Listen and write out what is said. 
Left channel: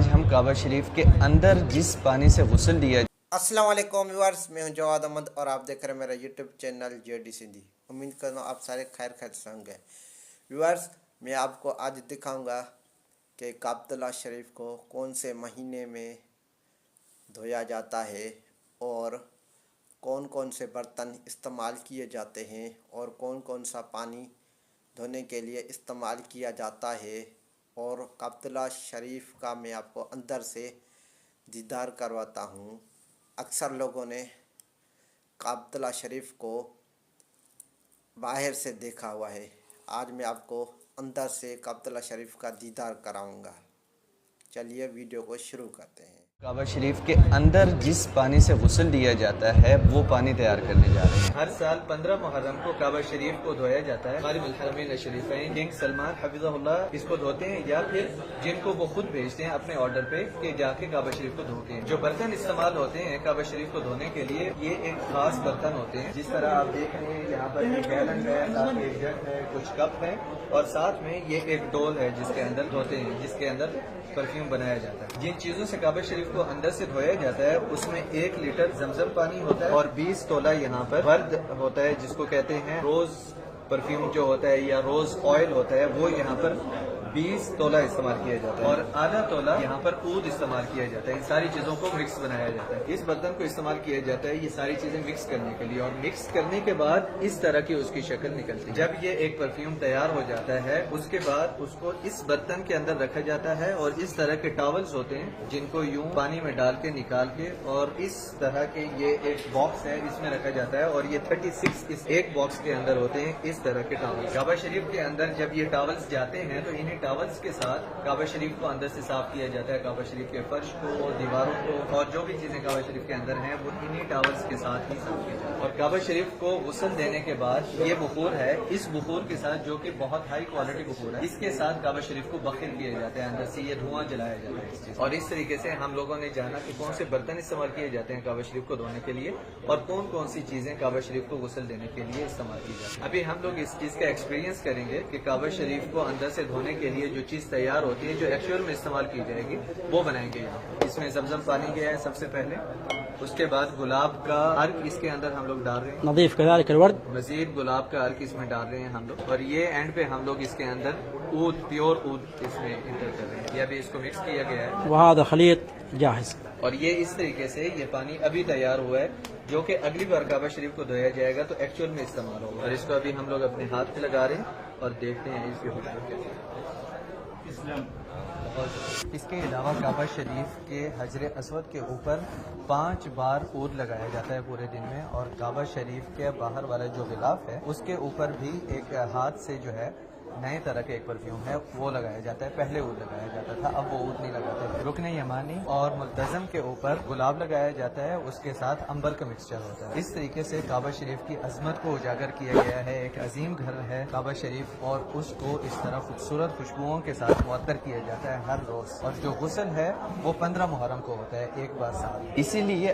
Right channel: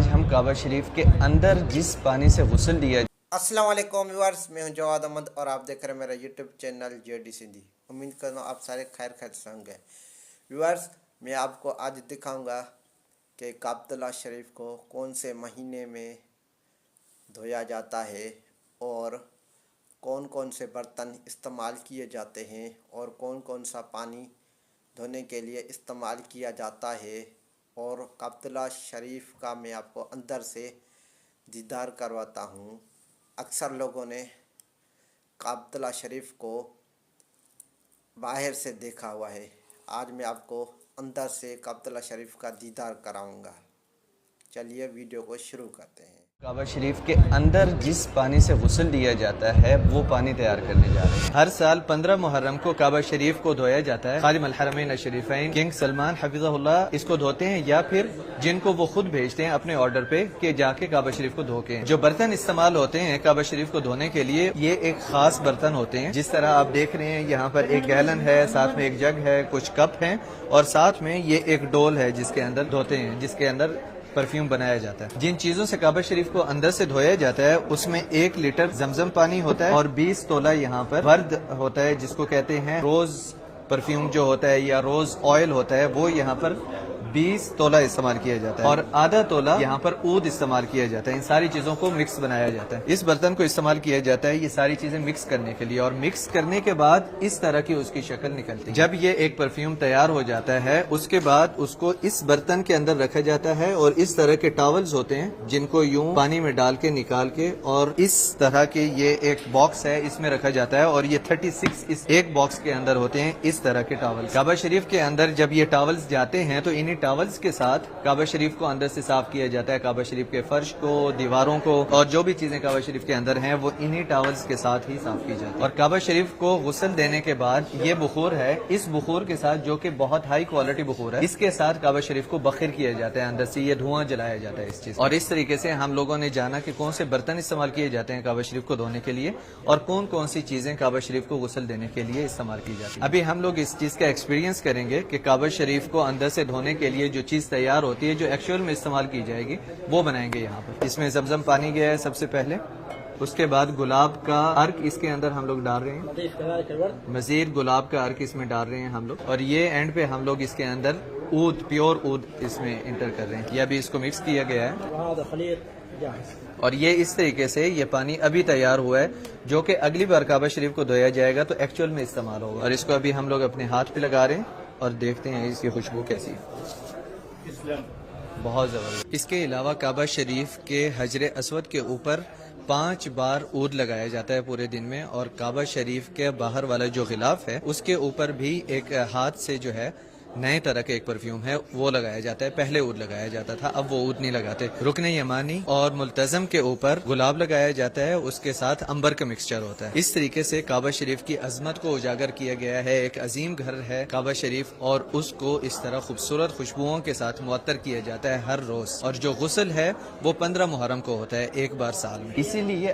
आज हम काबा शरीफ के अंदर जिस पानी से गुस्ल दिया। अस्सलाम वालेकुम व्यूअर्स, मैं हूं जवाद अहमद और आप देख रहे हैं मेरा यूट्यूब चैनल जेडी सिंधी। उम्मीद करता हूं आप सारे खैर होंगे। व्यूअर्स, मैं आपको आज दिखाऊंगा कि काबतुल्लाह शरीफ को कौन से महीने में धोया जाता है और कौन कौन से बर्तन इस्तेमाल किए जाते हैं और कौन कौन सा पानी धोने के लिए इस्तेमाल किया जाता है। और काबतुल्लाह शरीफ का मैं आपको अंदर से दीदार करवाता हूँ। अक्सर लोगों ने काबतुल्लाह शरीफ को बाहर से देखा हुआ है, आज मैं आपको अंदर से काबतुल्लाह शरीफ का दीदार कराऊंगा। चलिए वीडियो को शुरू करते हैं। काबा शरीफ के अंदर जिस पानी से गुस्ल दिया जाता है वो पानी तैयार करने जा रहे हैं। हर साल 15 मुहर्रम को काबा शरीफ को धोया जाता है। खादिम अल हरमैन शरीफैन किंग सलमान हफिज़हुल्लाह इसको धोते हैं, या फिर जिनको वो खुद भेजते हैं अपने ऑर्डर पे कि जाके काबा शरीफ को धो के। जो बर्तन इस्तेमाल होते हैं काबा शरीफ को धोने के लिए, ये एक खास बर्तन होते हैं। जिस तरह आप देख रहे हैं यहाँ पर एक गैलन है, साथ में एक जग है, कुछ कप है और साथ में ये एक डोल है जिसके अंदर धोते हैं, जिसके अंदर परफ्यूम बनाया जाता है। जिन चीजों से काबा शरीफ को अंदर से धोया जाता है उसमें 1 लीटर जमजम पानी होता है और 20 तोला यहाँ पर वर्द होता है, जिसको कहते हैं रोज परफ्यूम जो होता है या रोज ऑयल होता है, वो यहाँ पर 20 तोला इस्तेमाल किया जाता है और आधा तोला यहाँ पर ऊद इस्तेमाल किया जाता है। इन सारी चीजों को मिक्स बनाया जाता है। इस बर्तन को इस्तेमाल किया जाता है ये सारी चीजें मिक्स करने के लिए, और मिक्स करने के बाद इस तरह की उसकी शक्ल निकलती है। जब ये एक परफ्यूम तैयार हो जाता है उसके बाद उसको इस बर्तन के अंदर रखा जाता है और इस तरह के टॉवल्स होते हैं जिनको यूं पानी में डाल के निकाल के, और इस तरह के ये एक बॉक्स है इसमें रखा जाता है और ये 36 इस एक बॉक्स के अंदर होते हैं इस तरह के टॉवल्स। काबा शरीफ के अंदर जब ये टॉवल्स जाते हैं तो इन्हीं टॉवल्स के साथ काबा शरीफ को अंदर से साफ किया जाता है। काबा शरीफ के फर्श को, दीवारों को और जो भी चीजें काबा शरीफ के अंदर हैं वो इन्हीं टॉवल्स के साथ ही साफ की जाती है। और काबा शरीफ को गुस्ल देने के बाद ये बुखूर है, इस बुखूर के साथ जो कि बहुत हाई क्वालिटी बुखूर है, इसके साथ काबा शरीफ को बखिर किया जाता है, अंदर से ये धुआं जलाया जाता है इस चीज। और इस तरीके से हम लोगों ने जाना कि कौन से बर्तन इस्तेमाल किए जाते हैं काबा शरीफ को धोने के लिए और कौन कौन सी चीजें काबा शरीफ को गुस्ल देने के लिए इस्तेमाल की जाती है। अभी हम लोग इस चीज का एक्सपीरियंस करेंगे कि काबा शरीफ को अंदर से धोने के लिए जो चीज तैयार होती है, जो एक्चुअल में इस्तेमाल की जाएगी, वो बनाएंगे यहाँ पर। इसमें जमजम पानी गया है सबसे पहले, उसके बाद गुलाब का अर्क इसके अंदर हम लोग डाल रहे हैं, नदीफ कज़ालिक अलवर्द, मजीद गुलाब का अर्क इसमें डाल रहे हैं हम लोग, और ये एंड पे हम लोग इसके अंदर ऊद, प्योर ऊद इसमें इंटर कर रहे हैं। ये अभी इसको मिक्स किया गया है वहादा खलीत जाहिज़। और ये इस तरीके से ये पानी अभी तैयार हुआ है जो कि अगली बार काबा शरीफ को धोया जाएगा तो एक्चुअल में इस्तेमाल होगा। और इसको अभी हम लोग अपने हाथ पे लगा रहे हैं और देखते हैं इसकी खुशबू कैसी है। बहुत ज़बरदस्त। इसके अलावा काबा शरीफ के हजर अस्वद के ऊपर 5 बार ऊद लगाया जाता है पूरे दिन में, और काबा शरीफ के बाहर वाला जो गिलाफ है उसके ऊपर भी एक हाथ से जो है नए तरह का एक परफ्यूम है वो लगाया जाता है। पहले ऊद लगाया जाता था, अब वो ऊद नहीं लगाते। रुकने यमानी और मुल्तज़म के ऊपर गुलाब लगाया जाता है, उसके साथ अंबर का मिक्सचर होता है। इस तरीके से काबा शरीफ की अजमत को उजागर किया गया है। एक अजीम घर है काबा शरीफ और उसको इस तरह खूबसूरत खुशबुओं के साथ मुअत्तर किया जाता है हर रोज। और जो गुस्ल है वो 15 मुहर्रम को होता है, एक बार साल में। इसीलिए